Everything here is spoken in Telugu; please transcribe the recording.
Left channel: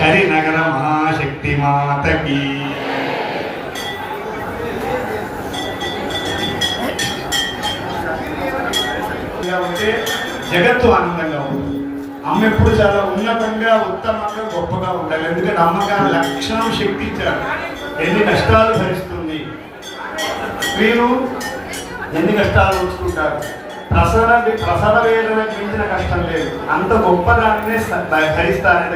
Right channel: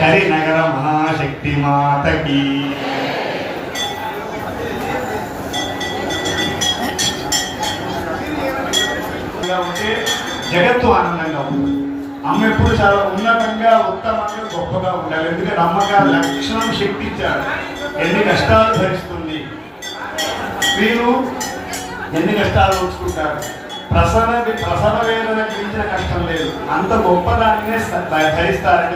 కరినగర మహాశక్తి మాతకి. ఉంటే జగత్తు ఆనందంగా ఉంటుంది. అమ్మ ఎప్పుడు చాలా ఉన్నతంగా ఉత్తమంగా గొప్పగా ఉండాలి. ఎందుకంటే అమ్మగా లక్షణం శక్తి ఇచ్చారు. ఎన్ని కష్టాలు భరిస్తుంది, స్త్రీలు ఎన్ని కష్టాలు ఉంచుకుంటారు. ప్రసవ వేదన గురించిన కష్టం లేదు, అంత గొప్పదాన్నే భరిస్తారంటే